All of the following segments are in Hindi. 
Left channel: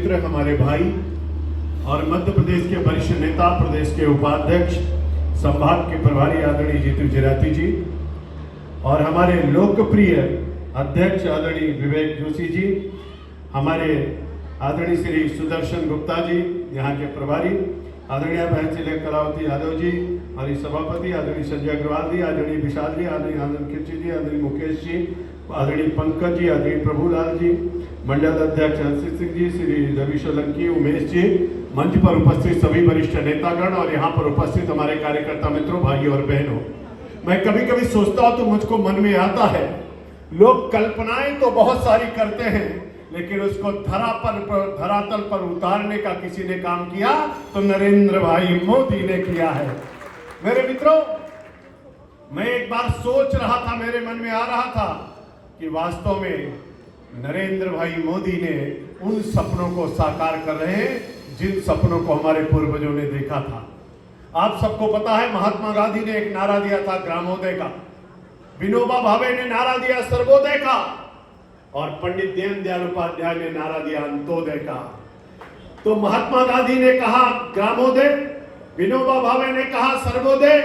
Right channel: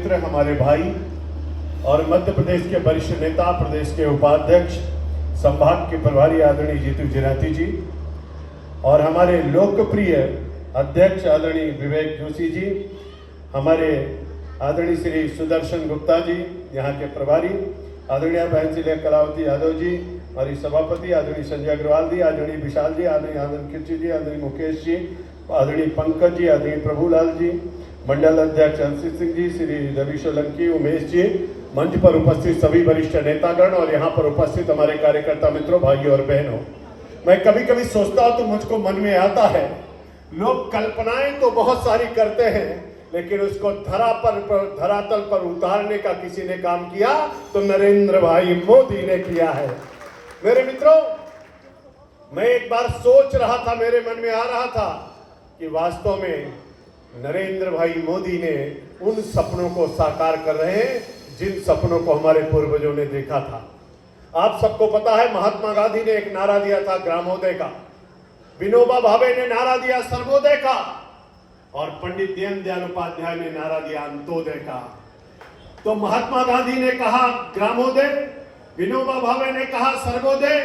मित्र, हमारे भाई और मध्य प्रदेश के वरिष्ठ नेता, प्रदेश के उपाध्यक्ष, संभाग के प्रभारी आदरणीय जीतू जनाती जी और हमारे लोकप्रिय अध्यक्ष आदरणीय विवेक जोशी जी, हमारे आदरणीय श्री सुदर्शन गुप्ता जी यहाँ के प्रभारी, आदरणीय बहन कलावती यादव जी और सभापति आदरणीय संजय अग्रवाल जी, आदरणीय विशाल जी, आदरणीय आनंद कीर्ति जी, आदरणीय मुकेश जी, आदरणीय पंकज जी, आदरणीय प्रभुलाल जी, मंडल अध्यक्ष हर्षित सिंह जी, श्री रवि सोलंकी, उमेश जी, मंच पर उपस्थित सभी वरिष्ठ नेतागण और यहाँ पर उपस्थित हमारे कार्यकर्ता मित्रों, भाइयों और बहनों, मैं कभी कभी सोचता हूँ तो मुझको मन में आता है, लोग कल्पनाएं तो बहुत सारी करते हैं लेकिन उसको धरातल पर उतारने का किसी ने काम किया तो नरेंद्र भाई मोदी ने किया है। मेरे मित्रों, मैं एक बार सोच रहा था, मेरे मन में आ रहा था कि वास्तव में नरेंद्र भाई मोदी ने उन सपनों को साकार कर रहे हैं जिन सपनों को हमारे पूर्वजों ने देखा था। आप सबको पता है, महात्मा गांधी ने एक नारा दिया था ग्रामोदय का, विनोबा भावे ने नारा दिया सर्वोदय का और पंडित दीनदयाल उपाध्याय ने नारा दिया अंत्योदय का। तो महात्मा गांधी ने कहा ग्रामोदय, विनोबा भावे ने कहा सर्वोदय,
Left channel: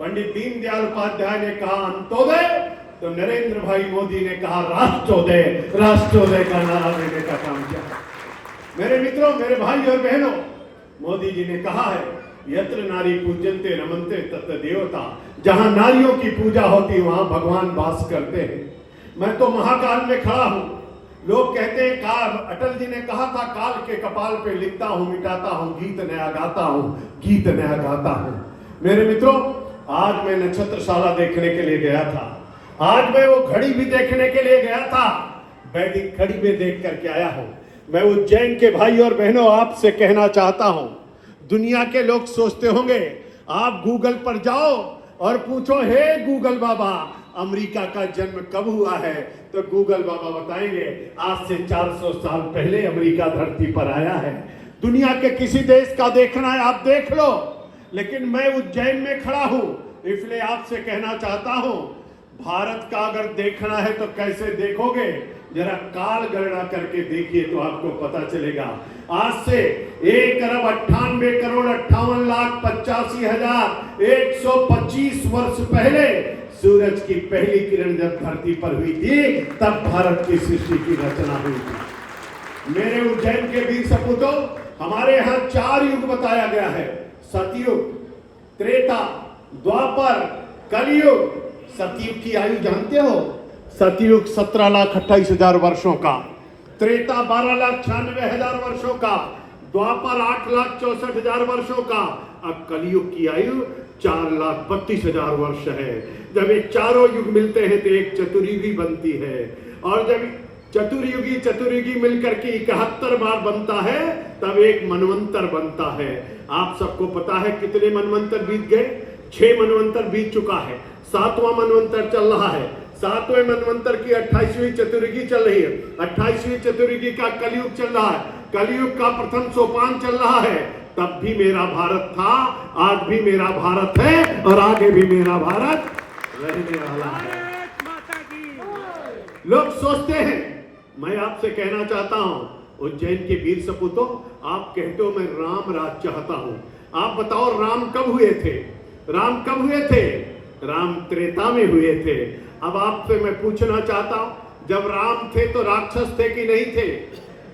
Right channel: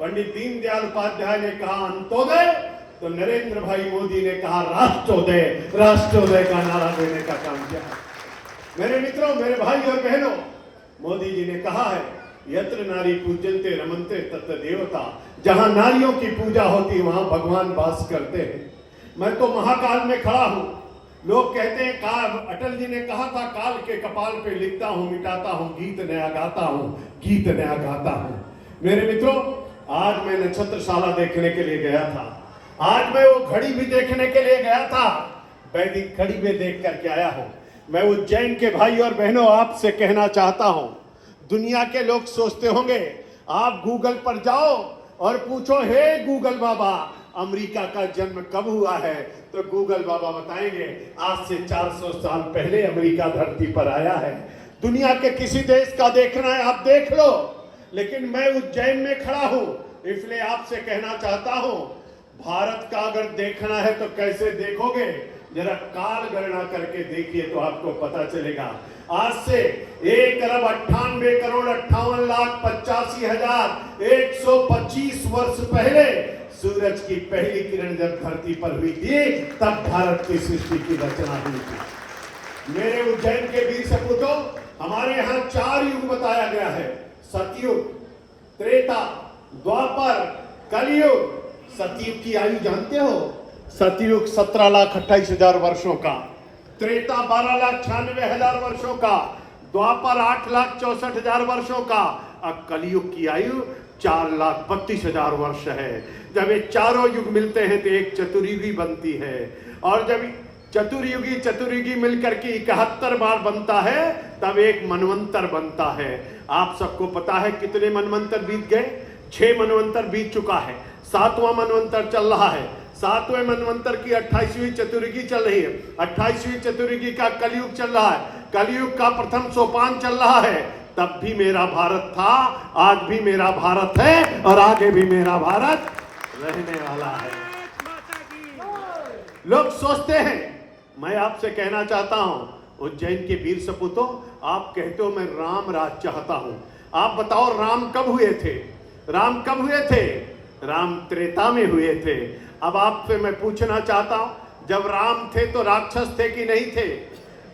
पंडित दीनदयाल उपाध्याय ने कहा अंत्योदय, तो नरेंद्र भाई मोदी ने कहा राष्ट्रोदय, राष्ट्रोदय का नारा देने का काम किया। मेरे मित्रों, मेरे भाई और बहनों, मोदी जी ने कहा है यत्र नारी पूजन्ते रमन्ते तत्र देवता, जहां नारियों की पूजा होती वहां भगवान वास करते हैं। मैं तो महाकाल में खड़ा हूं। लोग कहते हैं काल, अटल जी ने कहा था काल के कपाल पे लिखता हूं, मिटाता हूं, गीत नया गाता हूं, गीत नया गाता हूं। मेरे मित्रों, आज मैं नक्षत्रशाला देखने के लिए गया था, आज मैं वो घड़ी भी देखने के लिए गया था, वैदिक घड़ी में देख करके आया हूं। मैं उज्जैन के भाई और बहनों आपसे कहना चाहता हूं, दुनिया के लोग सोचते होंगे, आप गूगल पर जाओ और पूछो हे गूगल बाबा अमेरिका का जन्म कब हुआ है, तो गूगल बाबा बताएंगे आज से 400 साल पहले अमेरिका धरती पर आया है। दुनिया के किसी देश का देखना है आप देख लो, लेकिन मैं उज्जैन में खड़ा हूं, इसलिए आपसे कहना चाहता हूं, भारत का अगर देखना है तो कैसे देखोगे, जरा काल गणना करके देखिए तो आपको पता चलेगा। आज से 1,98,58,85,125 वर्ष पहले सूरज की पहली किरण जब धरती पर हुई थी, तब भारत की सृष्टि की रचना हुई थी। मेरे उज्जैन के वीर सपूतों, हमारे यहाँ 4 युग बताया गया है, सतयुग, त्रेता, द्वापर, कलयुग। सतयुग की आयु जानते हो? सतयुग 17,28,000 वर्षों का, त्रेता 12,96,000 वर्षों का, द्वापर 8,64,000 वर्षों का, अब कलयुग की आयु 4,32,000 वर्ष है। जब ये चारों युग मिलते हैं तो एक चतुर्युगी बनती है, और जब चतुर्युगी मिलकर के 71 बार बनता है तब एक मनवंतर बनता है। आप सबको पता है कितने मनवंतर बीत गए? 6 मनवंतर बीत चुका है, 7वां मनवंतर चल रहा है। 7वें मनवंतर की 28वीं चतुर्युगी चल रही है, 28वीं चतुर्युगी का कलयुग चल रहा है, कलयुग का प्रथम सोपान चल रहा है। तब भी मेरा भारत था, आज भी मेरा भारत है और आगे भी मेरा भारत रहने वाला है। लोग सोचते हैं, मैं आपसे कहना चाहता हूं, उज्जैन के वीर सपूतों, आप कहते हो मैं राम राज चाहता हूं, आप बताओ राम कब हुए थे? राम कब हुए थे? राम त्रेता में हुए थे। अब आपसे मैं पूछना चाहता हूं, जब राम थे तो राक्षस थे कि नहीं थे?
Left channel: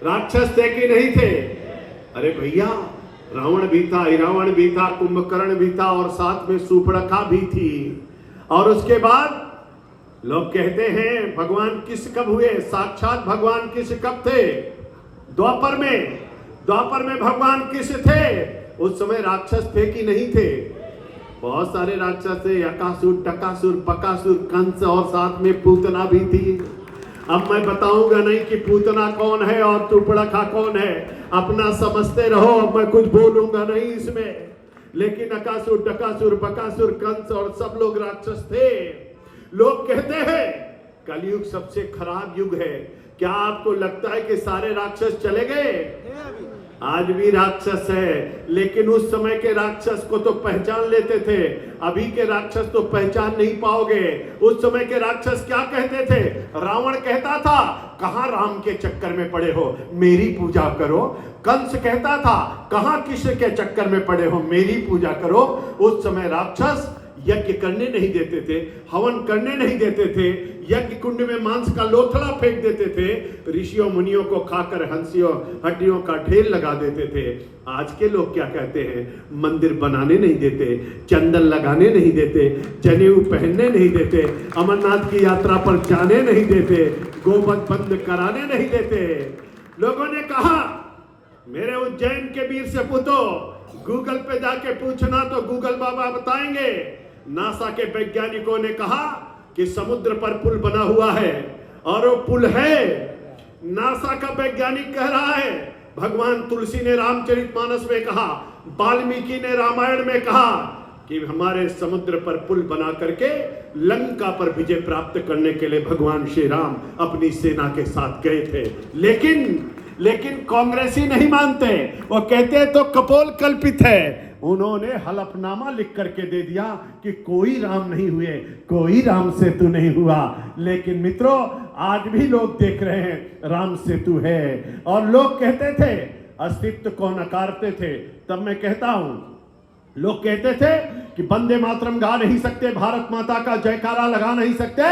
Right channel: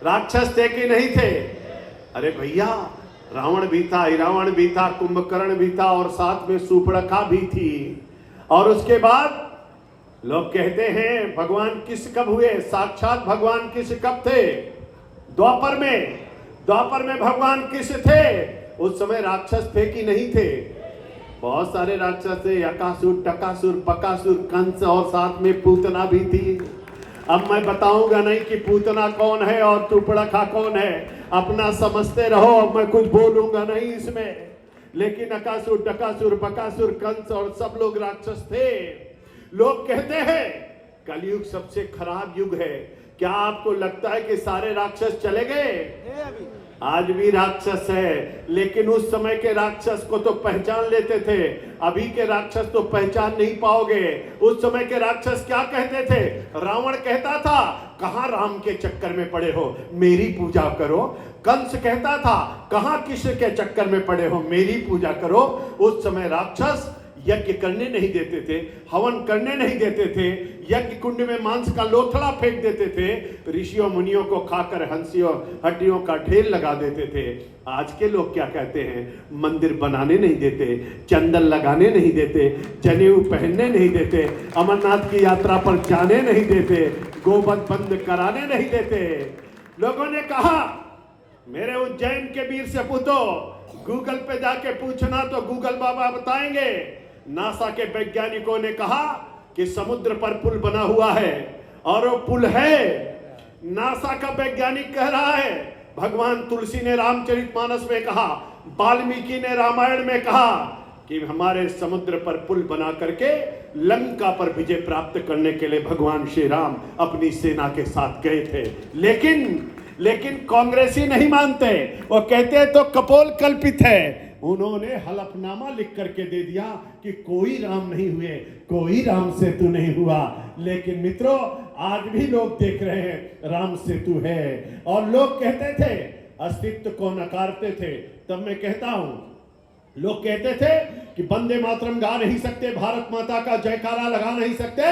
राक्षस थे कि नहीं थे? अरे भैया, रावण भी था, इरावण भी था, कुंभकर्ण भी था और साथ में सूर्पणखा भी थी। और उसके बाद लोग कहते हैं भगवान किस कब हुए? साक्षात भगवान किस कब थे? द्वापर में। द्वापर में भगवान किस थे? उस समय राक्षस थे कि नहीं थे? बहुत सारे राक्षस थे, अकासुर, टकासुर, बकासुर, कंस और साथ में पूतना भी थी। अब मैं बताऊंगा नहीं कि पूतना कौन है और सूर्पणखा कौन है, अपना समझते रहो, अब मैं कुछ बोलूंगा नहीं इसमें। लेकिन अकासुर, टकासुर, बकासुर, कंस और सब लोग राक्षस थे। लोग कहते हैं कलयुग सबसे खराब युग है। क्या आपको लगता है कि सारे राक्षस चले गए? आज भी राक्षस है, लेकिन उस समय के राक्षस को तो पहचान लेते थे, अभी के राक्षस तो पहचान नहीं पाओगे। उस समय के राक्षस क्या कहते थे? रावण कहता था कहां राम के चक्कर में पड़े हो, मेरी पूजा करो। कंस कहता था कहां कृष्ण के चक्कर में पड़े हो, मेरी पूजा करो। उस समय राक्षस यज्ञ करने नहीं देते थे, हवन करने नहीं देते थे, यज्ञ कुंड में मांस का लोथड़ा फेंक देते थे, ऋषियों मुनियों को खाकर हंसियों हड्डियों का ढेर लगा देते थे। आज के लोग क्या कहते हैं, मंदिर बनाने नहीं देते, चंदन लगाने नहीं देते, जनेऊ पहनने नहीं देते, अमरनाथ की यात्रा पर जाने नहीं देते, गोवध बंद कराने नहीं देते। लोगों ने कहा मेरे उज्जैन के वीर सपूतों, गूगल पे जाके पूछना तो गूगल बाबा बताएंगे। नासा के वैज्ञानिकों ने कहा कि समुद्र पर पुल बना हुआ है, और वो पुल है, नासा का वैज्ञानिक कह रहा है। भगवान तुलसी ने रामचरितमानस में कहा, वाल्मीकि ने रामायण में कहा कि हमारे समुद्र पर पुल बना करके लंका पर विजय प्राप्त करने के लिए भगवान श्री राम अपनी सेना के साथ गए थे। लेकिन कांग्रेसी नहीं मानते, वो कहते तो कपोल कल्पित है। उन्होंने हलफनामा लिख करके दे दिया कि कोई राम नहीं हुए, कोई राम सेतु नहीं हुआ। लेकिन मित्रों, आज भी लोग देख रहे हैं राम सेतु है। और लोग कहते थे, अस्तित्व को नकारते थे। तब मैं कहता हूं, लोग कहते थे कि वंदे मातरम गा नहीं सकते, भारत माता का जयकारा लगा नहीं सकते,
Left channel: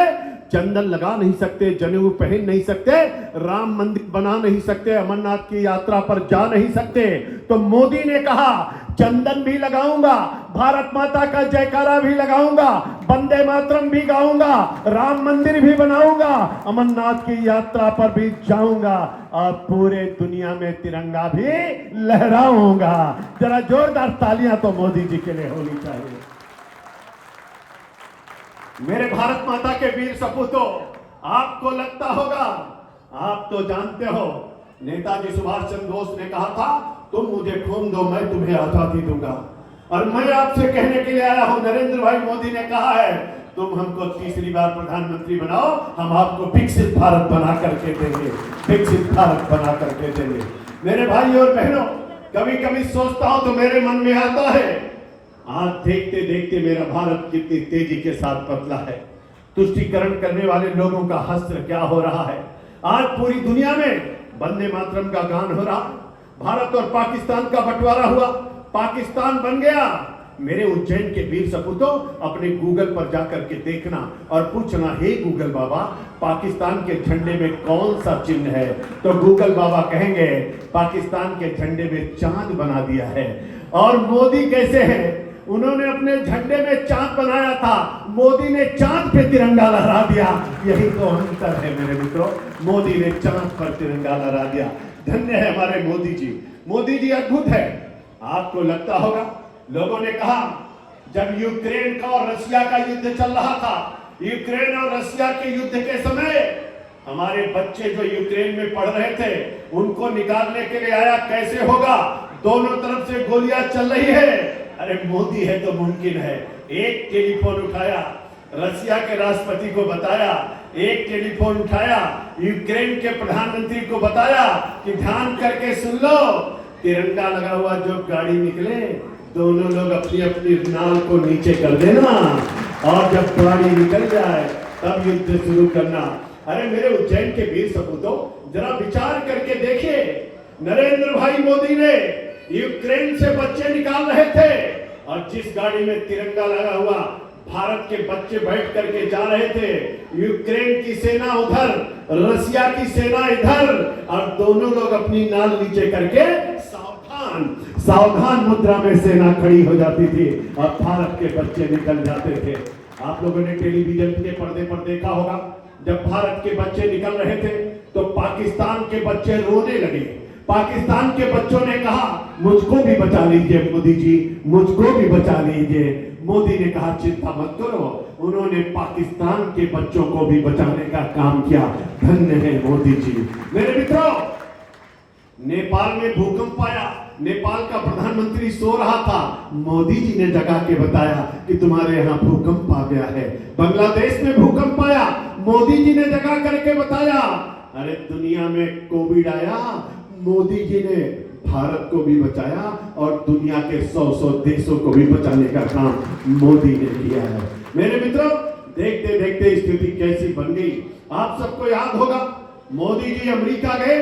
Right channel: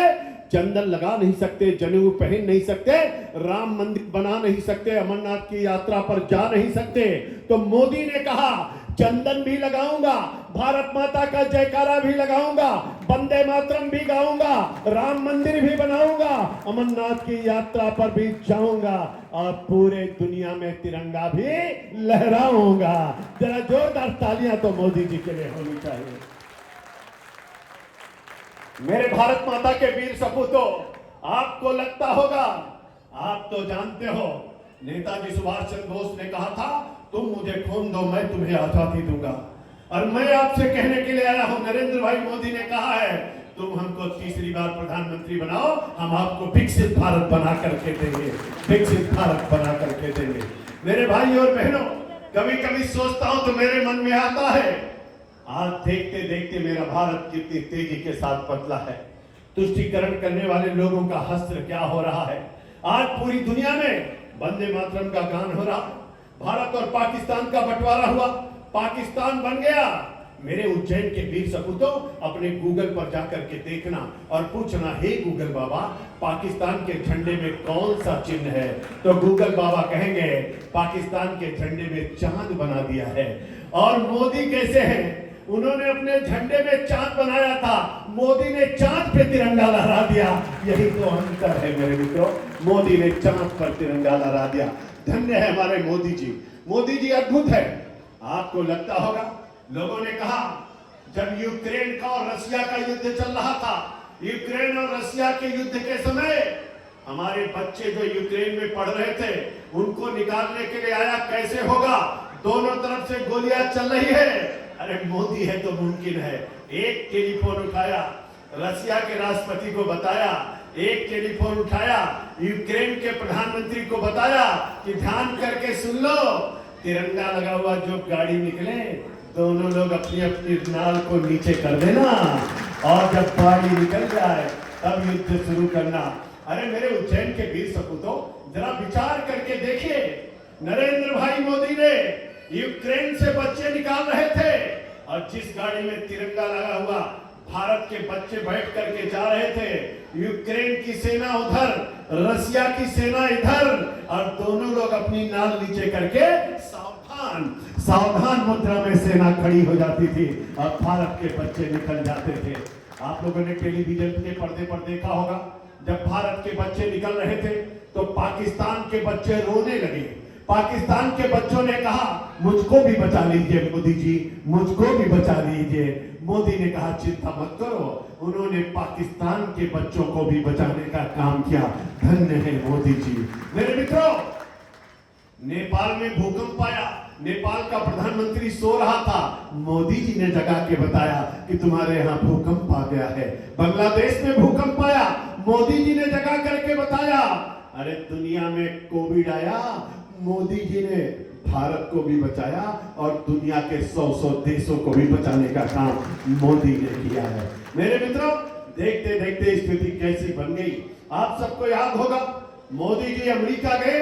चंदन लगा नहीं सकते, जनेऊ पहन नहीं सकते, राम मंदिर बना नहीं सकते, अमरनाथ की यात्रा पर जा नहीं सकते। तो मोदी ने कहा चंदन भी लगाऊंगा, भारत माता का जयकारा भी लगाऊंगा, वंदे मातरम भी गाऊंगा, राम मंदिर भी बनाऊंगा, अमरनाथ की यात्रा पर भी जाऊंगा, और पूरे दुनिया में तिरंगा भी लहराऊंगा। जरा जोरदार तालियां तो मोदी जी के लिए होनी चाहिए। मेरे भारत माता के वीर सपूतों, आपको लगता होगा, आप तो जानते हो, नेताजी सुभाष चंद्र बोस ने कहा था तुम मुझे खून दो, मैं तुम्हें आजादी दूंगा। और मैं आपसे कहने के लिए आया हूं, नरेंद्र भाई मोदी ने कहा है तुम हमको तीसरी बार प्रधानमंत्री बनाओ, हम आपको विकसित भारत बना करके देंगे, विकसित भारत बना करके देंगे। मेरे भाई और बहनों, कभी कभी सोचता हूं तो मेरे मन में आता है, आज देखते देखते मेरा भारत कितनी तेजी के साथ बदला है। तुष्टीकरण करने वाले लोगों का हस्त्र क्या हो रहा है। आज पूरी दुनिया में वंदे मातरम का गान हो रहा, भारत और पाकिस्तान का बंटवारा हुआ, पाकिस्तान बन गया। मेरे उज्जैन के वीर सपूतों, अपने गूगल पर जाकर के देखना और पूछना, हे गूगल बाबा, पाकिस्तान के झंडे में कौन सा चिन्ह है? तो गूगल बाबा कहेंगे पाकिस्तान के झंडे में चांद बना दिया है। और मोदी कैसे हैं? उन्होंने अपने झंडे में चांद बनाया था, मोदी ने चांद पे तिरंगा लहरा दिया। यही तो अंतर है मेरे मित्रों, मोदी ने चांद पर तिरंगा लहरा दिया। धन्य है हमारे मोदी जी, मोदी जी अद्भुत है। आपको लगता होगा, लोगों ने कहा जब यूक्रेन का और रशिया का युद्ध चल रहा था, यूक्रेन और रशिया के युद्ध के समय हमारे बच्चे जो यूक्रेन में पढ़ रहे थे उनको निकालने के लिए आया, कैसे होगा, दोनों तरफ से गोलियां चल रही है। अरे मोदी है तो मुमकिन है। एक टेलीफोन उठाया, रशिया के राष्ट्रपति को बताया, एक टेलीफोन उठाया, यूक्रेन के प्रधानमंत्री को बताया कि ध्यान करके सुन लो, तिरंगा लगा हुआ जो गाड़ी निकले, दोनों लोग अपनी अपनी नाल को नीचे कर देना, और जब गाड़ी निकल जाए तब युद्ध शुरू करना। अरे मेरे उज्जैन के वीर सपूतों, जरा विचार करके देखिए, नरेंद्र भाई मोदी ने यूक्रेन से बच्चे निकाल रहे थे, और जिस गाड़ी में तिरंगा लगा हुआ भारत के बच्चे बैठ करके जा रहे थे, यूक्रेन की सेना उधर, रशिया की सेना इधर, और दोनों लोग अपनी नाल नीचे करके सावधान मुद्रा में सेना खड़ी हो जाती थी, और भारत के बच्चे निकल जाते थे। आप लोगों ने टेलीविजन के पर्दे पर देखा होगा, जब भारत के बच्चे निकल रहे थे तो पाकिस्तान के बच्चे रोने लगे। पाकिस्तान के बच्चों ने कहा मुझको भी बचा लीजिए मोदी जी, मुझको भी बचा लीजिए। मोदी ने कहा चिंता मत करो, उन्होंने पाकिस्तान के बच्चों को भी बचाने का काम किया। धन्य है मोदी जी। मेरे मित्रों, नेपाल में भूकंप आया, नेपाल का प्रधानमंत्री सो रहा था, मोदी जी ने जगा के बताया कि तुम्हारे यहाँ भूकंप आ गया है। बांग्लादेश में भूकंप आया, मोदी जी ने जगा करके बताया। अरे दुनिया में कोविड आया, मोदी जी ने भारत को भी बचाया, और दुनिया के 100 देशों को भी बचाने का काम मोदी ने किया है। मेरे मित्रों, देखते देखते स्थिति कैसी बन गई। आप सबको याद होगा, मोदी जी अमेरिका गए,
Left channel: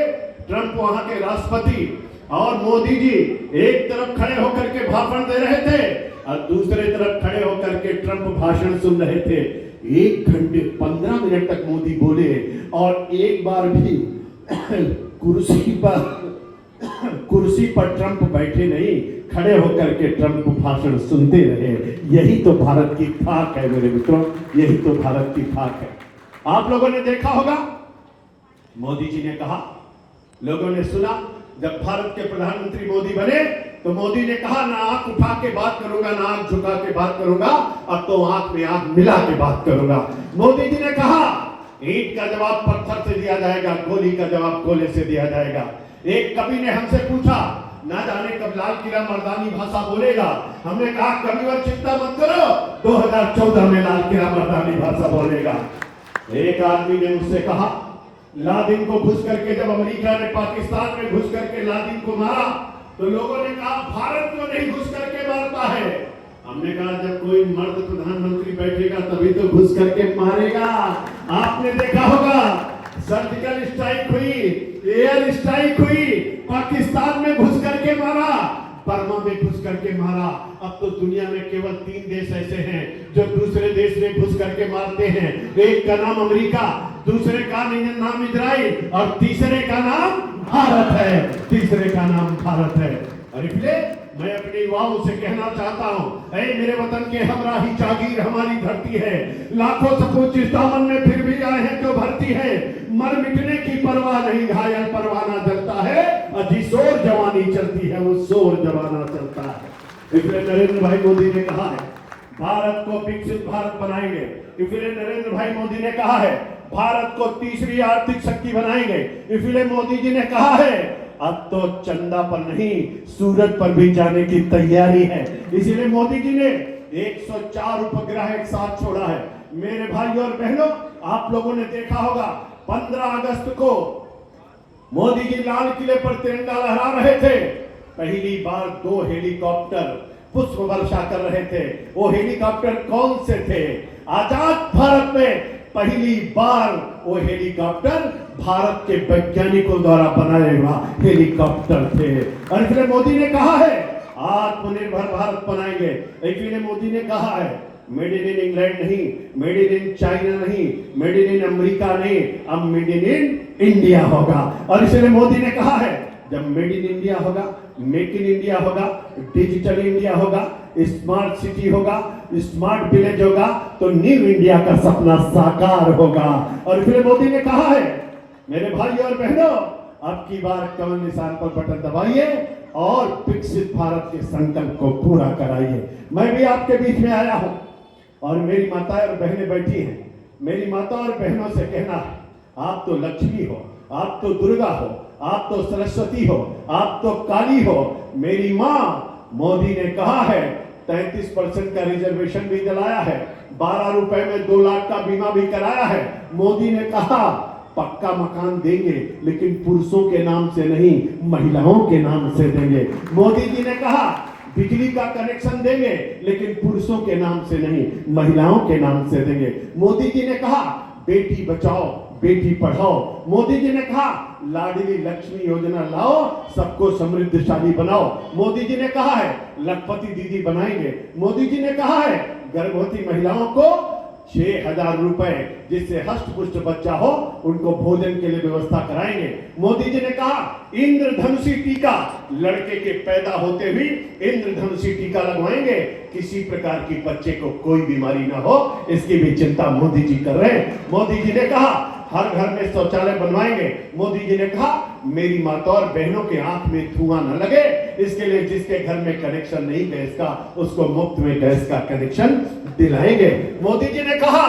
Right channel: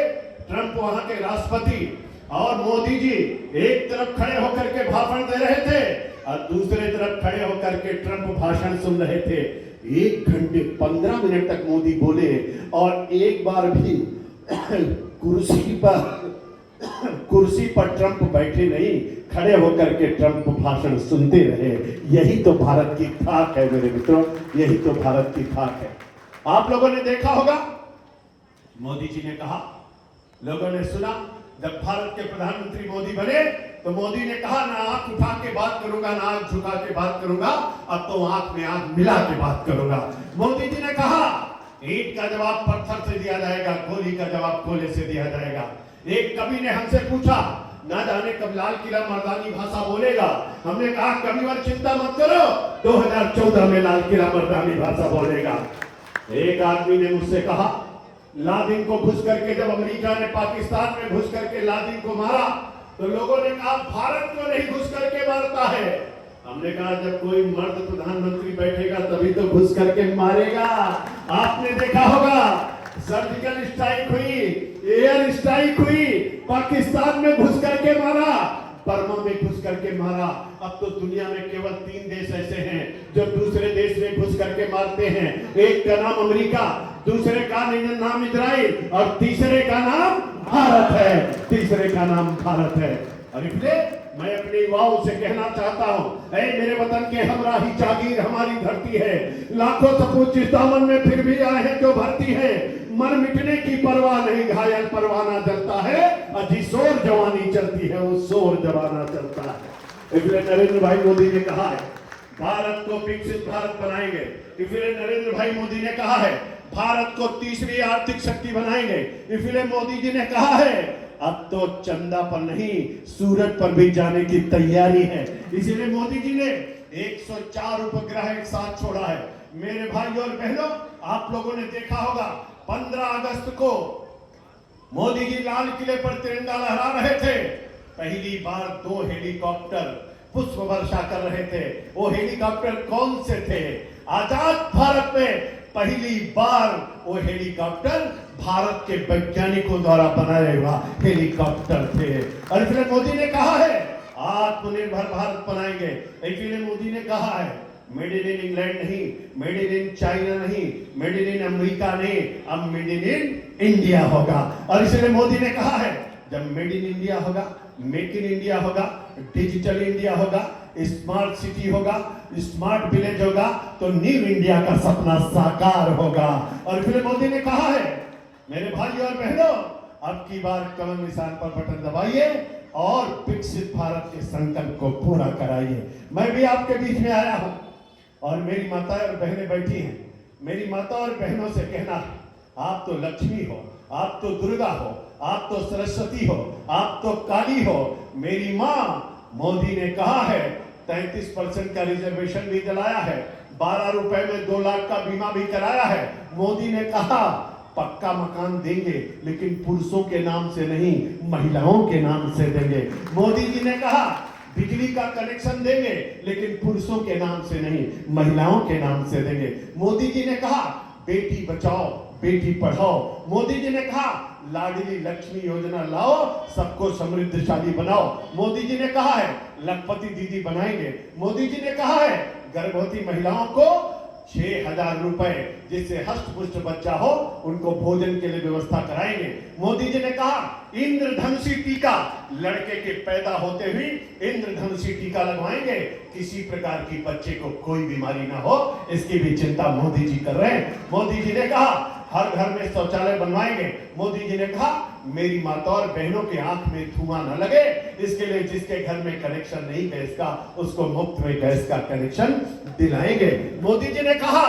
ट्रंप वहां के राष्ट्रपति, और मोदी जी एक तरफ खड़े होकर के भाषण दे रहे थे और दूसरे तरफ खड़े होकर के ट्रंप भाषण सुन रहे थे। 1 घंटे 15 मिनट तक मोदी बोले और एक बार भी कुर्सी पर ट्रंप बैठे नहीं, खड़े होकर के ट्रंप भाषण सुनते रहे। यही तो भारत की खाक है मेरे मित्रों, यही तो भारत की खाक है। आप लोगों ने देखा होगा, मोदी जी ने कहा, लोगों ने सुना, जब भारत के प्रधानमंत्री मोदी बने तो मोदी ने कहा, ना आंख उठा के बात करूंगा, ना आंख झुका के बात करूंगा, अब तो आंख में आंख मिला के बात करूंगा। मोदी जी ने कहा, ईंट का जवाब पत्थर से दिया जाएगा, गोली का जवाब गोले से दिया जाएगा। एक कवि ने हमसे पूछा, ना जाने कब लाल किला मर्दानी भाषा बोलेगा। हमने कहा, कविवर चिंता मत करो, 2014 में लाल किला मर्दानी भाषा बोलेगा। एक आदमी ने मुझसे कहा, लादेन को घुस करके जब अमेरिका ने पाकिस्तान में घुस करके लादेन को मारा तो लोगों ने कहा, भारत क्यों नहीं घुस करके मारता है। हमने कहा, जब कोई मर्द प्रधानमंत्री बैठेगा तभी तो घुस करके मारेगा। आपने देखा होगा, सर्जिकल स्ट्राइक हुई, एयर स्ट्राइक हुई, पाकिस्तान में घुस करके मारा, बर्मा में घुस करके मारा। अब तो दुनिया में केवल 3 देश ऐसे हैं जो दूसरे देश में घुस करके मारते हैं। एक का नाम अमेरिका, दूसरे का नाम इजराइल और तीसरे का नाम भारत है। तीसरे का नाम भारत है। और इसलिए मैं अपने युवाओं से कहना चाहता हूं, ऐ मेरे वतन के हमराही जागीर हमारी धरती है, लाखों सपूत जिस दामन में फिर भी आए हैं जो भरती है, मर मिटने की परवाह नहीं, घायल परवाना जलता है, अजी शोर जवानी चलती है, वो शोर जवाना चलता है। इसलिए नरेंद्र भाई मोदी ने कहा है, भारत को विकसित भारत बनाएंगे। इसलिए नरेंद्र भाई मोदी ने कहा है, भारत को तीसरी आर्थिक शक्ति बनाएंगे। इसलिए मोदी जी ने कहा है, अब तो चंदा पर नहीं, सूरज पर भी जाने की तैयारी है। इसलिए मोदी जी ने 104 उपग्रह एक साथ छोड़ा है। मेरे भाइयों और बहनों, आप लोगों ने देखा होगा, 15 अगस्त को मोदी जी लाल किले पर तिरंगा लहरा रहे थे। पहली बार 2 हेलीकॉप्टर पुष्प वर्षा कर रहे थे। वो हेलीकॉप्टर कौन से थे? आजाद भारत में पहली बार वो हेलीकॉप्टर भारत के वैज्ञानिकों द्वारा बनाए हुआ हेलीकॉप्टर थे। और इसलिए मोदी ने कहा है, आत्मनिर्भर भारत बनाएंगे। इसलिए मोदी ने कहा है, मेड इन इंग्लैंड नहीं, मेड इन चाइना नहीं, मेड इन अमेरिका नहीं, अब मेड इन इंडिया होगा। और इसलिए मोदी ने कहा है, जब मेड इन इंडिया होगा, मेक इन इंडिया होगा, डिजिटल इंडिया होगा, स्मार्ट सिटी होगा, स्मार्ट विलेज होगा, तो न्यू इंडिया का सपना साकार होगा। और फिर मोदी ने कहा है, मेरे भाई और बहनों, अब की बार कमल निशान पर बटन दबाइए और विकसित भारत के संकल्प को पूरा कराइए। मैं भी आपके बीच में आया हूं और मेरी माताएं और बहनें बैठी हैं। मेरी माता और बहनों से कहना है, आप तो लक्ष्मी हो, आप तो दुर्गा हो, आप तो सरस्वती हो, आप तो काली हो। मेरी माँ, मोदी ने कहा है 33% का रिजर्वेशन भी दिलाया है, 12 रुपए में 2 लाख का बीमा भी कराया है। मोदी ने कहा पक्का मकान देंगे, लेकिन पुरुषों के नाम से नहीं, महिलाओं के नाम से देंगे। मोदी जी ने कहा बिजली का कनेक्शन देंगे, लेकिन पुरुषों के नाम से नहीं, महिलाओं के नाम से देंगे। मोदी जी ने कहा बेटी बचाओ बेटी पढ़ाओ। मोदी जी ने कहा लाडली लक्ष्मी योजना लाओ, सबको समृद्धशाली बनाओ। मोदी जी ने कहा है लखपति दीदी बनाएंगे। मोदी जी ने कहा है गर्भवती महिलाओं को 6,000 रुपए, जिससे हष्ट-पुष्ट बच्चा हो उनको भोजन के लिए व्यवस्था कराएंगे। मोदी जी ने कहा इंद्रधनुषी टीका, लड़के के पैदा होते ही इंद्रधनुषी टीका लगवाएंगे, किसी प्रकार की बच्चे को कोई बीमारी ना हो, इसकी भी चिंता मोदी जी कर रहे हैं। मोदी जी ने कहा हर घर में शौचालय बनवाएंगे। मोदी जी ने कहा मेरी माता और बहनों के आंख में धुआं न लगे, इसके लिए जिसके घर में कनेक्शन नहीं गैस का, उसको मुफ्त में गैस का कनेक्शन दिलाएंगे। मोदी जी ने कहा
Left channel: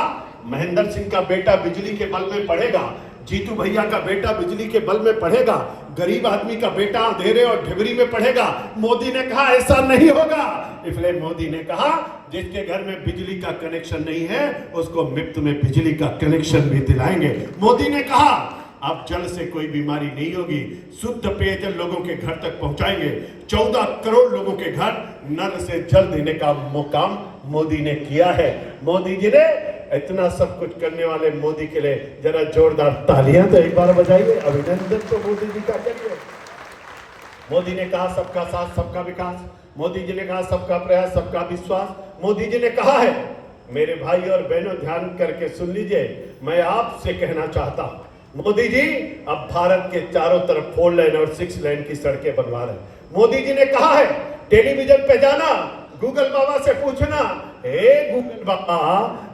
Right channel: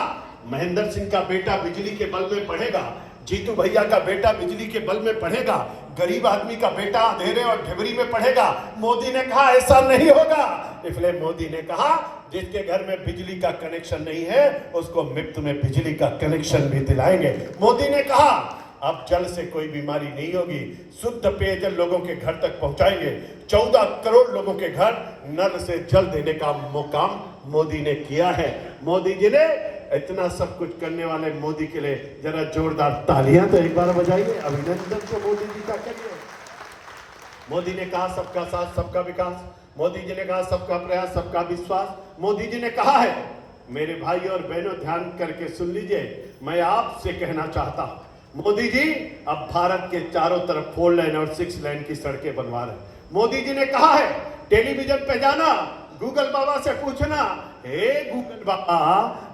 महेंद्र सिंह का बेटा बिजली के बल में पढ़ेगा, जीतू भैया का बेटा बिजली के बल में पढ़ेगा, गरीब आदमी का बेटा अंधेरे और ढिबरी में पढ़ेगा। मोदी ने कहा ऐसा नहीं होगा। इसलिए मोदी ने कहा जिसके घर में बिजली का कनेक्शन नहीं है उसको मुफ्त में बिजली का कनेक्शन भी दिलाएंगे। मोदी ने कहा अब जल से कोई बीमारी नहीं होगी, शुद्ध पेयजल लोगों के घर तक पहुंचाएंगे। 14 करोड़ लोगों के घर नल से जल देने का काम मोदी ने किया है। मोदी जी ने इतना सब कुछ करने वाले मोदी के लिए जरा जोरदार तालियां तो एक बार बजाइए, अभिनंदन तो मोदी जी का करिए। मोदी ने कहा सबका साथ सबका विकास, मोदी जी ने कहा सबका प्रयास सबका विश्वास। मोदी जी ने कहा है, मेरे भाई और बहनों ध्यान करके सुन लीजिए, मैं आपसे कहना चाहता हूं, मोदी जी अब भारत के चारों तरफ 4 लेन और 6 लेन की सड़कें बनवा रहे हैं। मोदी जी ने कहा है, टेलीविजन पे जाना, गूगल बाबा से पूछना, हे गूगल बाबा,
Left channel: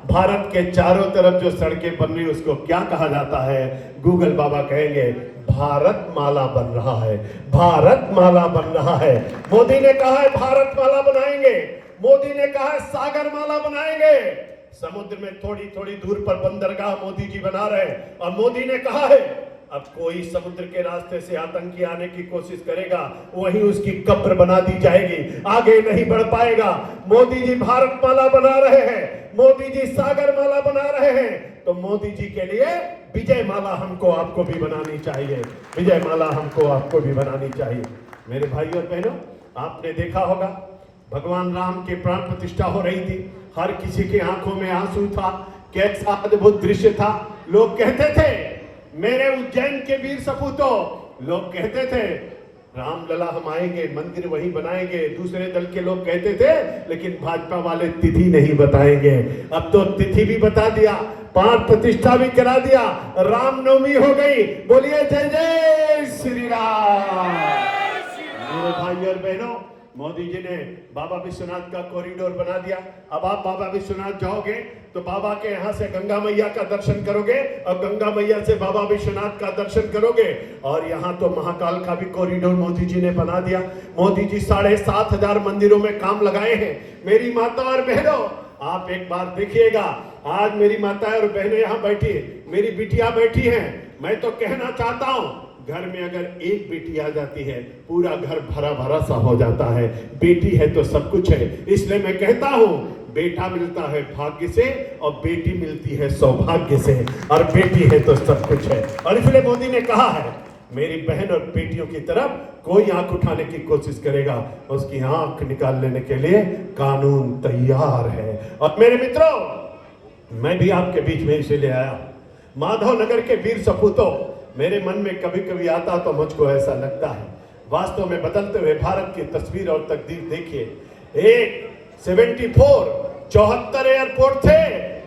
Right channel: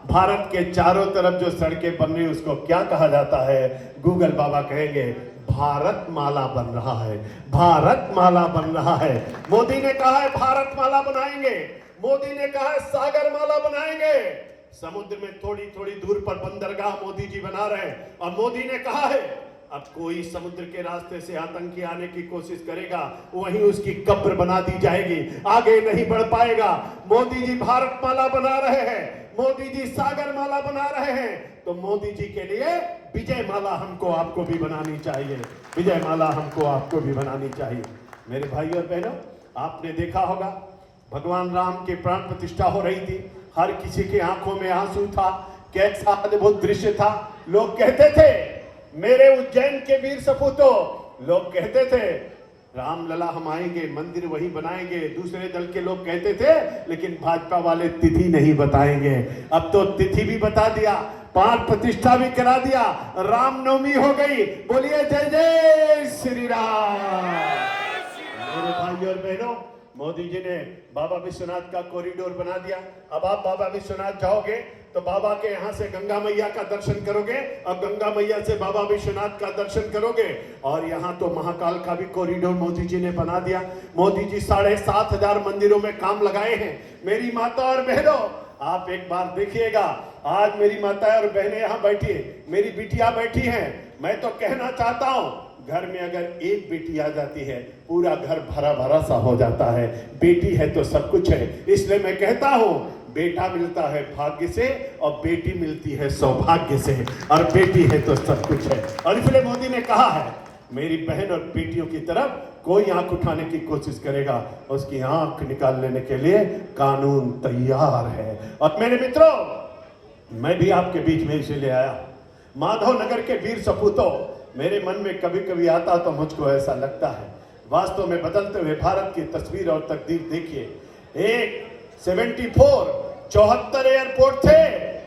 भारत के चारों तरफ जो सड़कें बन रही उसको क्या कहा जाता है? गूगल बाबा कहेंगे भारत माला बन रहा है, भारत माला बन रहा है। मोदी ने कहा है भारत माला बनाएंगे, मोदी ने कहा है सागर माला बनाएंगे। समुद्र में थोड़ी थोड़ी दूर पर बंदरगाह मोदी जी बना रहे हैं। और मोदी ने कहा है अब कोई समुद्र के रास्ते से आतंकी आने की कोशिश करेगा, वहीं उसकी कब्र बना दी जाएगी, आगे नहीं बढ़ पाएगा। मोदी जी भारत माला बना रहे हैं, मोदी जी सागर माला बना रहे हैं, तो मोदी जी के लिए विजय माला हमको आपको भी बनानी चाहिए, विजय माला हमको आपको भी बनानी चाहिए। मेरे भाई और बहनों, आपने देखा होगा भगवान राम की प्राण प्रतिष्ठा हो रही थी, हर किसी की आंखों में आंसू था, कैसा अद्भुत दृश्य था। लोग कहते थे मेरे उज्जैन के वीर सपूतों, लोग कहते थे रामलला हम आएंगे, मंदिर वहीं बनाएंगे। दूसरे दल के लोग कहते थे, लेकिन भाजपा वाले तिथि नहीं बताएंगे। अब तो तिथि भी बता दिया, प्राण प्रतिष्ठा भी करा दिया, रामनवमी हो गई। बोलिए जय जय श्री राम। मेरे भाई और बहनों, मोदी जी ने बाबा विश्वनाथ का कॉरिडोर बना दिया। अब आप बाबा विश्वनाथ जाओगे तो बाबा के यहाँ से गंगा मैया का दर्शन करोगे और गंगा मैया से बाबा विश्वनाथ का दर्शन करोगे। और यहाँ तो महाकाल का भी कॉरिडोर मोदी जी ने बना दिया। मोदी जी 7,500 मंदिरों में काम लगाए हैं। मेरी माता और बहनों, आप एक बार देखिएगा, आज मेरी माता और बहनें यहाँ बैठी है, मेरी बिटिया बैठी है। मैं तो कहना चाहता हूँ, घर में अगर एक बेटी आ जाती है पूरा घर भरा भरा सा हो जाता है। बेटी है तो सब कुछ है। इसलिए मैं कहता हूं, बेटा मिलता है भाग्य से और बेटी मिलती है सौभाग्य से, और बेटी है तो सब कुछ है। और इसलिए मोदी ने कहा है, मेरी बहन और बेटियों की तरफ कोई आंख उठाने की कोशिश करेगा, उसकी आंख निकाल लेने के लिए कानून तैयार है। और मेरे मित्रों, मैं भी आपके बीच में इसे ले आया। माधव नगर के वीर सपूतों, मेरे मन में कभी कभी आता तो मुझको ऐसा लगता है, वास्तव में बदलते हुए भारत की तस्वीर और तकदीर देखिए। एक 74 एयरपोर्ट थे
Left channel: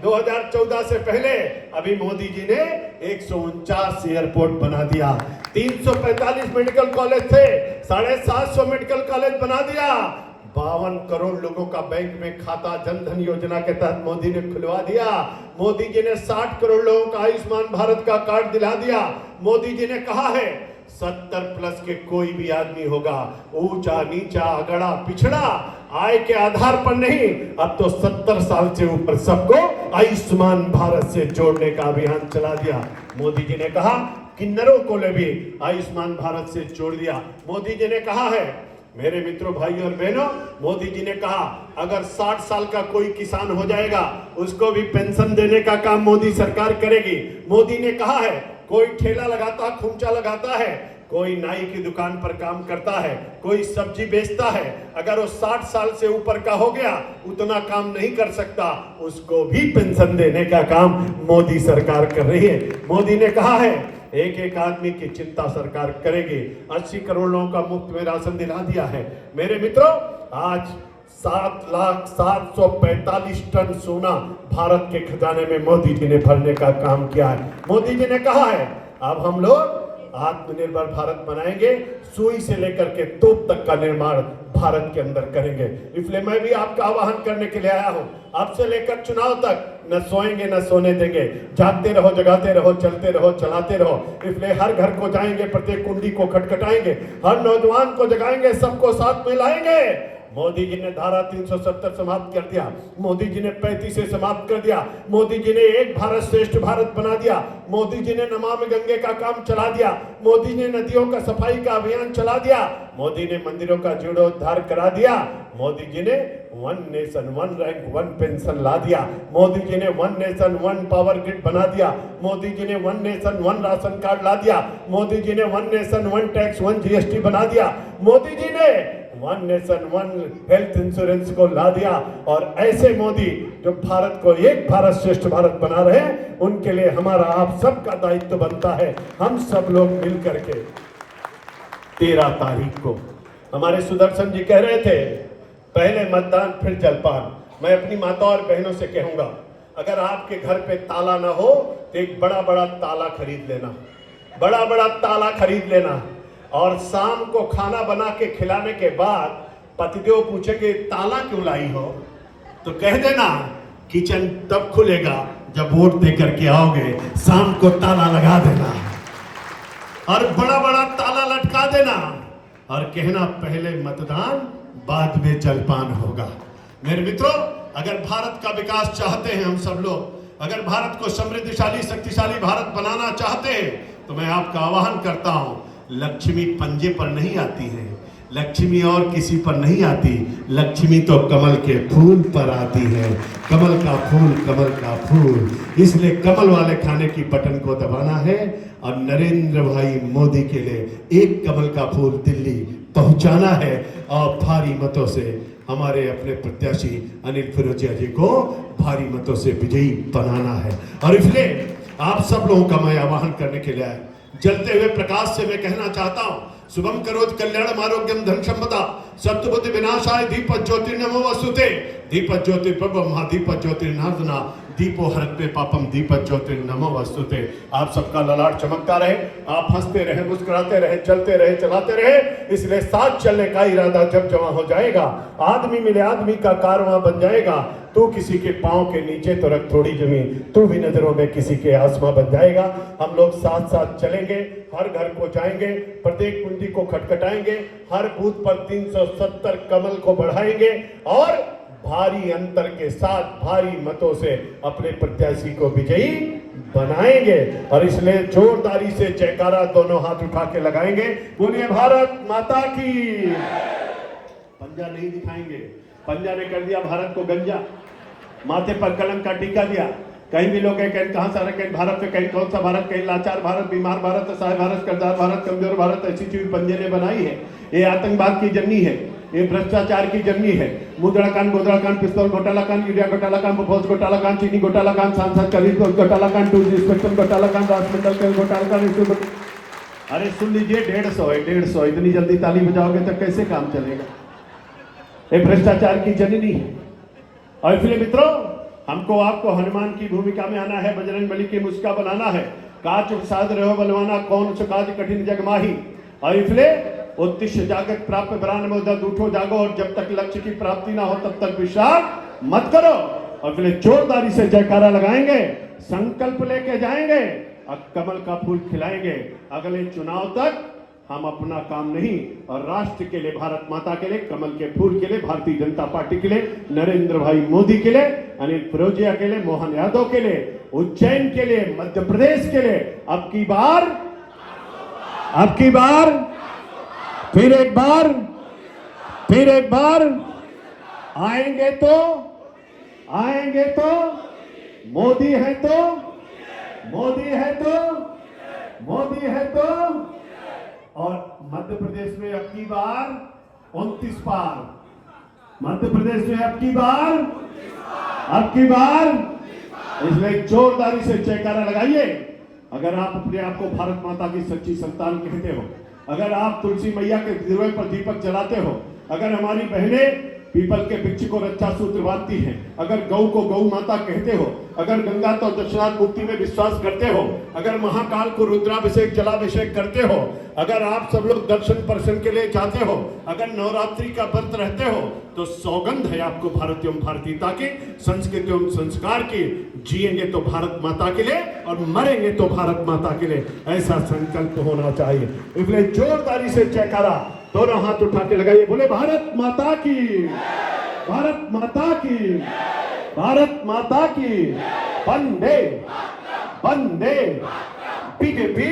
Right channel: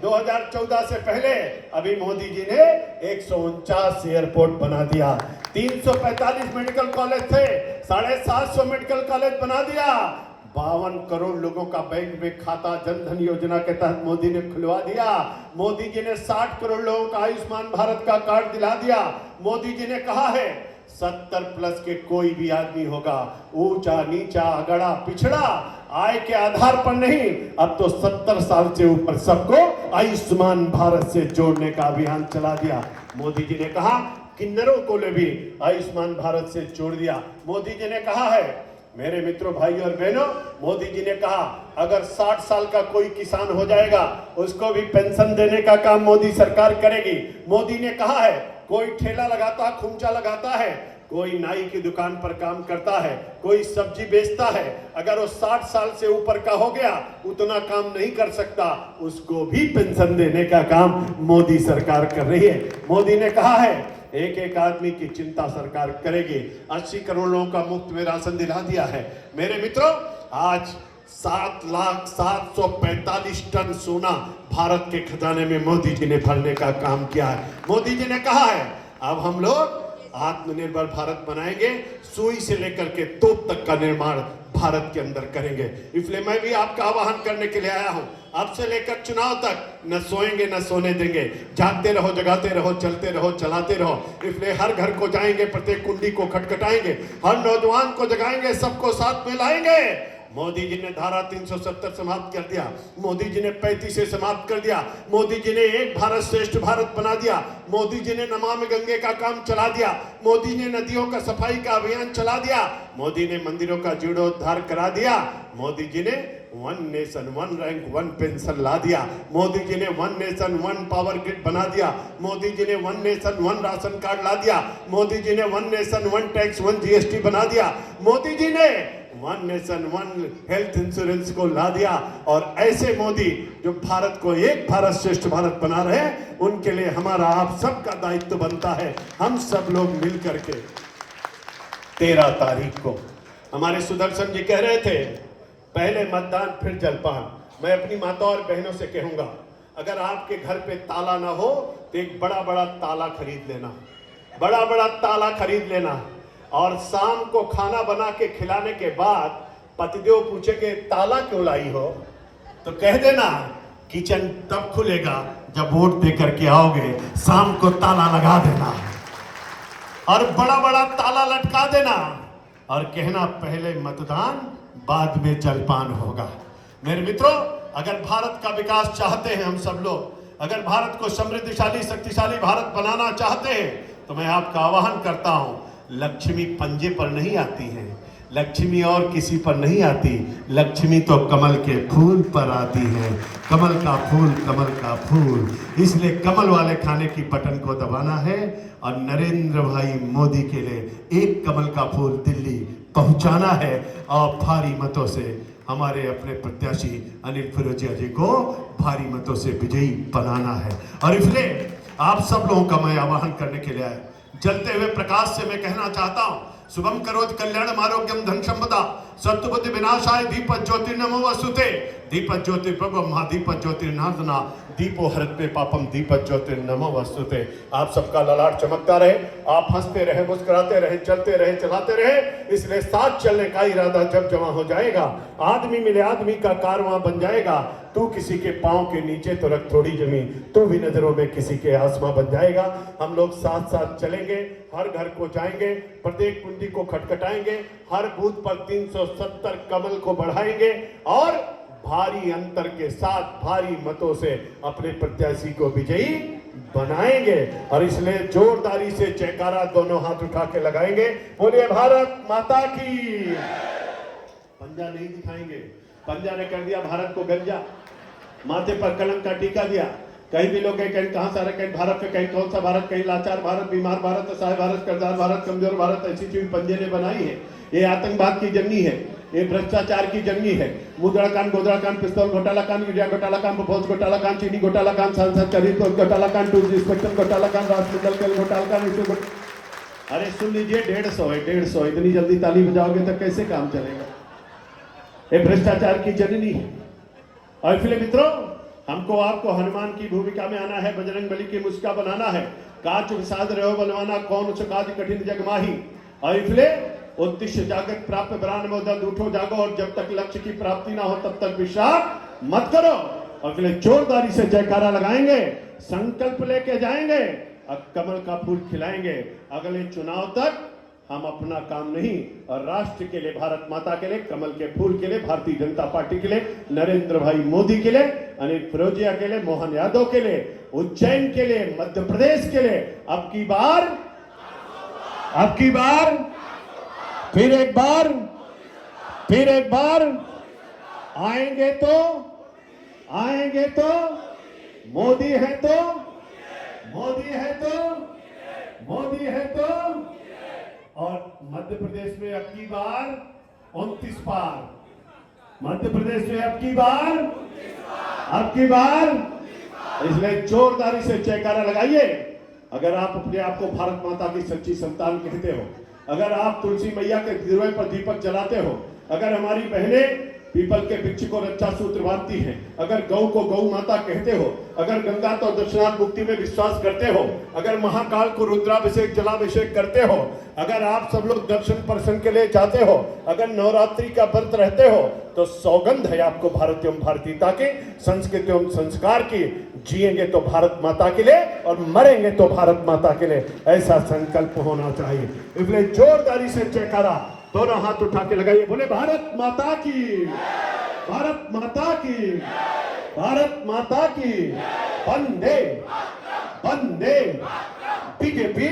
2014 से पहले, अभी मोदी जी ने 149 एयरपोर्ट बना दिया। 345 मेडिकल कॉलेज थे, 750 मेडिकल कॉलेज बना दिया। 52 करोड़ लोगों का बैंक में खाता जनधन योजना के तहत मोदी ने खुलवा दिया। मोदी जी ने 60 करोड़ लोगों का आयुष्मान भारत का कार्ड दिला दिया। मोदी जी ने कहा है 70 प्लस के कोई भी आदमी होगा, ऊंचा नीचा अगड़ा पिछड़ा, आय के आधार पर नहीं, अब तो 70 साल से ऊपर सबको आयुष्मान भारत से जोड़ने का अभियान चला दिया। मोदी जी ने कहा किन्नरों को भी आयुष्मान भारत से जोड़ दिया। मोदी जी ने कहा है, मेरे मित्रों भाई और बहनों, मोदी जी ने कहा अगर 60 साल का कोई किसान हो जाएगा उसको भी पेंशन देने का काम मोदी सरकार करेगी। मोदी ने कहा है कोई ठेला लगाता, खुमचा लगाता है, कोई नाई की दुकान पर काम करता है, कोई सब्जी बेचता है, अगर वो 60 साल से ऊपर का हो गया, उतना काम नहीं कर सकता, उसको भी पेंशन देने का काम मोदी सरकार कर रही है। मोदी ने कहा है एक एक आदमी की चिंता सरकार करेगी। 80 करोड़ लोगों का मुफ्त में राशन दिला दिया है। मेरे मित्रों, आज 7,745 टन सोना भारत के खजाने में मोदी जी ने भरने का काम किया है। मोदी जी ने कहा है अब हम लोग आत्मनिर्भर भारत बनाएंगे, सुई से लेकर के तोप तक का निर्माण भारत के अंदर करेंगे। इसलिए मैं भी आपका आह्वान करने के लिए आया हूं, अब से लेकर चुनाव तक न सोएंगे न सोने देंगे, जागते रहो, जगाते रहो, चलते रहो, चलाते रहो। इसलिए हर घर को जाएंगे, प्रत्येक कुंडी को खटखटाएंगे, हर नौजवान को जगाएंगे, सबको साथ में लाएंगे। मोदी जी ने धारा 370 समाप्त कर दिया, मोदी जी ने 35 से समाप्त कर दिया, मोदी जी ने एक भारत श्रेष्ठ भारत बना दिया, मोदी जी ने नमामि गंगे का काम चला दिया, मोदी ने नदियों का सफाई का अभियान चला दिया, मोदी ने मंदिरों का जीर्णोद्धार करा दिया, मोदी जी ने 1 नेशन 1 रैंक 1 पेंशन ला दिया, मोदी जी ने 1 नेशन 1 पावर ग्रिड बना दिया, मोदी जी ने 1 नेशन 1 राशन कार्ड ला दिया, मोदी जी ने 1 नेशन 1 टैक्स 1 जीएसटी बना दिया, मोदी जी ने one nation one health insurance को ला दिया। और ऐसे मोदी जो भारत को एक भारत श्रेष्ठ भारत बना रहे हैं, उनके लिए हमारा आप सबका दायित्व बनता है। हम सब लोग मिल करके 13 तारीख को, हमारे सुदर्शन जी कह रहे थे पहले मतदान फिर जलपान। मैं अपनी माता और बहनों से कहूंगा, अगर आपके घर पे ताला ना हो तो एक बड़ा बड़ा ताला खरीद लेना, बड़ा बड़ा ताला खरीद लेना। और शाम को खाना बना के खिलाने के बाद पतिदेव पूछेंगे ताला क्यों लाई हो, तो कह देना किचन तब खुलेगा जब वोट दे करके आओगे, शाम को ताला लगा देना और बड़ा बड़ा ताला लटका देना और कहना पहले मतदान बाद में जलपान होगा। मेरे मित्रों, अगर भारत का विकास चाहते हैं हम सब लोग, अगर भारत को समृद्धशाली शक्तिशाली भारत बनाना चाहते हैं, तो मैं आपका आह्वान करता हूं, लक्ष्मी पंजे पर नहीं आती है, लक्ष्मी और किसी पर नहीं आती, लक्ष्मी तो कमल के फूल पर आती है। कमल का फूल, कमल का फूल। इसलिए कमल वाले खाने की बटन को दबाना है और नरेंद्र भाई मोदी के लिए एक कमल का फूल दिल्ली पहुंचाना है और भारी मतों से हमारे अपने प्रत्याशी अनिल फिरोजिया जी को भारी मतों से विजयी बनाना है। और इसलिए आप सब लोगों का मैं आह्वान करने के लिए जलते हुए प्रकाश से मैं कहना चाहता हूं, शुभम करोति कल्याणम आरोग्यम धन संपदा सत्वबुद्धि विनाशाय दीपक ज्योतिर्नमो वस्तुते। दीपक ज्योति प्रभु महादीपक ज्योतिर्नाथना दीपो हरते पापम दीपक ज्योतिर्नमो वस्तुते। आप सबका ललाट चमकता रहे, आप हंसते रहे, मुस्कुराते रहे, चलते रहे, चलाते रहे। इसलिए साथ चलने का इरादा जब जमा हो जाएगा, आदमी मिले आदमी का कारवां बन जाएगा। तू किसी के पांव के नीचे तो रख थोड़ी जमीन, तू भी नजरों में किसी के आसमां बन जाएगा। हम लोग साथ साथ चलेंगे, हर घर को जाएंगे, प्रत्येक कुंडी को खटखटाएंगे, हर बूथ पर 370 कमल को बढ़ाएंगे और भारी अंतर के साथ भारी मतों से अपने प्रत्याशी को विजयी बनाएंगे। और इसलिए जोरदारी से जयकारा दोनों हाथ उठा के लगाएंगे, बोलिए भारत माता की। पंजा नहीं दिखाएंगे, पंजा ने कर दिया भारत को गंजा, माथे पर कलंक का टीका दिया। कहीं भी लोग कहीं कहां से रखें भारत में, कहीं कौन सा भारत, कहीं लाचार भारत, बीमार भारत, असहाय भारत, कर्जदार भारत, कमजोर भारत, ऐसी चीज पंजे ने बनाई है। ये आतंकवाद की जर्नी है, ये भ्रष्टाचार की जर्नी है। मुद्रा कांड, गोदड़ा कांड, पिस्तौल घोटाला कांड, यूरिया घोटाला कांड, भोज घोटाला कांड, चीनी घोटाला कांड, सांसद खरीद घोटाला कांड, इंस्पेक्टर घोटाला कांड, हॉस्पिटल घोटाला कांड। अरे सुन लीजिए, 150 इतनी जल्दी ताली बजाओगे तो कैसे काम चलेगा? ये भ्रष्टाचार की जननी है। और इसलिए मित्रों, हमको आपको हनुमान की भूमिका में आना है, बजरंग बली की मुस्का बनाना है। काच साध रहो बलवाना, कौन स काज कठिन जग माही। और इसलिए उत्तिष्ठ जागत प्राप्त प्राण मोदत, उठो जागो और जब तक लक्ष्य की प्राप्ति ना हो तब तक विश्राम मत करो। और इसलिए जोरदारी से जयकारा लगाएंगे, संकल्प लेके जाएंगे और कमल का फूल खिलाएंगे। अगले चुनाव तक हम अपना काम नहीं, और राष्ट्र के लिए, भारत माता के लिए, कमल के फूल के लिए, भारतीय जनता पार्टी के लिए, नरेंद्र भाई मोदी के लिए, अनिल फिरोजिया के लिए, मोहन यादव के लिए, उज्जैन के लिए, मध्य प्रदेश के लिए अब की बार, फिर एक बार आएंगे तो मोदी है तो और मध्य प्रदेश में अब की बार 29 बार, मध्य प्रदेश में अब की बार। इसलिए जोरदारी से जयकारा लगाइए। अगर आप अपने आप को भारत माता की सच्ची संतान कहते हो, अगर आप तुलसी मैया के दिए पर दीपक जलाते हो, अगर हमारी बहनें पीपल के वृक्ष को रक्षा सूत्र बांधती है, अगर गौ को गौ माता कहते हो, अगर गंगा तो दक्षिणार्थ मुक्ति में विश्वास करते हो, अगर महाकाल को रुद्राभिषेक जलाभिषेक करते हो, अगर आप सब लोग दर्शन के लिए जाते हो, अगर नवरात्रि का व्रत रहते हो, तो सौगंध है आपको भारत एवं भारतीयता के, संस्कृति एवं संस्कार की। जिएंगे तो भारत माता के लिए और मरेंगे तो भारत माता के लिए, ऐसा संकल्प होना चाहिए। इसलिए जोरदारी से जयकारा दोनों हाथ उठा के लगाइए, बोले भारत माता की, भारत माता की, भारत माता की। वंदे वंदे बीजेपी